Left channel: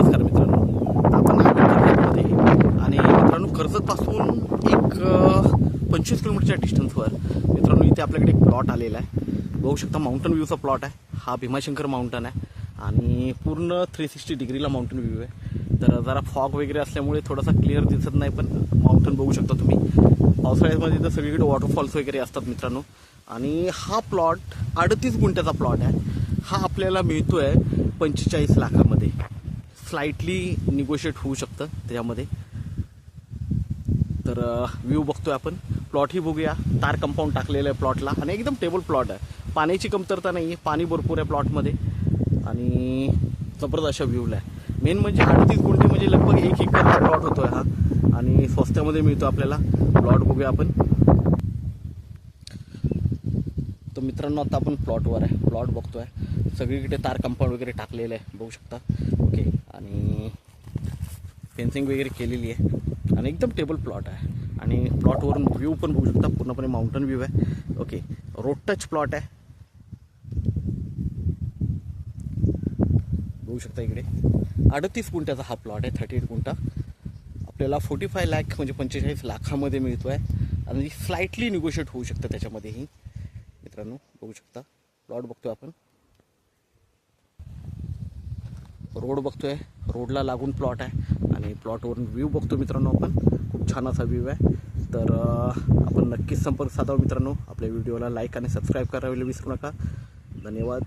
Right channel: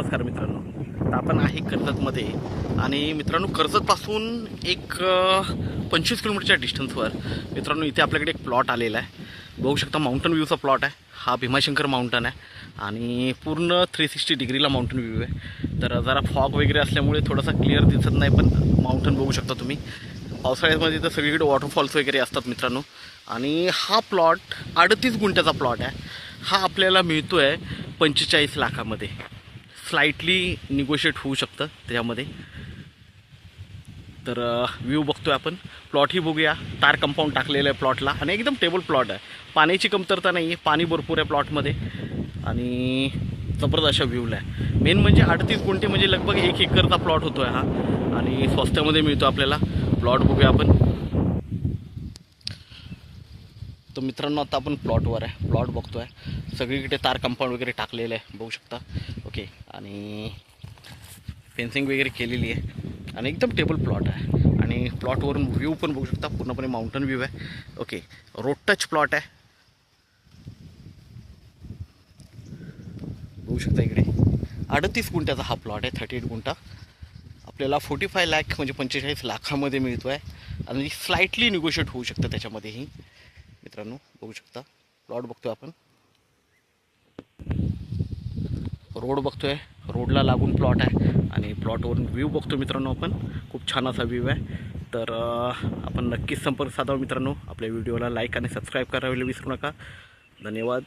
नमस्कार मित्रांनो. आता आपण आहे कर्जतमध्ये आणि मित्रांनो कर्जतपासून एक 25 किलोमीटरच्या डिस्टन्सवर मित्रांनो इथे आपल्याकडे एक प्लॉट आलेला आहे. बघू शकता माउंटन व्ह्यूचा प्लॉट आहे. हा भीमाशंकर माउंटन आहे आणि पूर्ण 360 डिग्रीला माउंटन व्ह्यू आहे. तर जरा फॉग वगैरे असल्यामुळे थोडासा क्लिअर दिसत नाही, पण माउंटन बघू शकता तुम्ही. पावसाळ्यामध्ये तर सगळीकडे वॉटरफॉल्स वगैरे असतात मित्रांनो. आणि हा प्लॉट 38 गुंठ्याचा प्लॉट आहे. हा आपल्याला मिळतो आहे 45 लाखामध्ये. स्लाइटली निगोशिएट होऊ शकतं त्याच्यामध्ये. तर व्ह्यू बघतोय आपण. प्लॉटही बघूया. तार कंपाऊंड टाकलेलं आहे प्लॉटला आणि एकदम टेबल प्लॉट आहे. पाण्याची कमतरता नाही आहे, पाणी भरपूर आहे प्लॉटमध्ये आणि जबरदस्त अशा व्ह्यूला आहे. मेन म्हणजे 38 गुंठे म्हणजे लगभग 1 एकरचा प्लॉट होतो आहे हा आणि स्वस्तामध्ये मिळतो आपल्याला. प्लॉट बघूया आपण. तर मित्रांनो आता आपण प्लॉटवर आहे. प्लॉट बघतो आहे. सगळीकडे तार कंपाऊंड वगैरे टाकलेलं आहे बघू शकता. ओके, आणि फेन्सिंग वगैरे केलेली आहे आणि एकदम टेबल प्लॉट आहे. आणि प्लॉटवरून व्ह्यू पण बघू शकता. पूर्णपणे माउंटन व्ह्यू आहे. ओके, रोड टच प्लॉट आहे बघू शकता. इकडे 38 गुंठ्याचा हा प्लॉट आहे. 38 गुंठा आपल्याला 45 लाख म्हणजे 45 लाखामध्ये मिळतो आहे आणि स्लाइटली निगोशिएट होऊ शकतं त्याच्यामध्येही. मित्रांनो बघू शकता प्लॉट बघतोय आपण. रोड बघतोय, रोडला लागून प्लॉट आहे आणि प्लॉटवरून व्ह्यू बघतो मित्रांनो आपण. खूप छान असा व्ह्यू आहे. तर आपण नक्कीच संपर्क साधावा मित्रांनो. आपल्या व्हिडिओला लाईक आणि सबस्क्राईब करायला विसरू नका. धन्यवाद.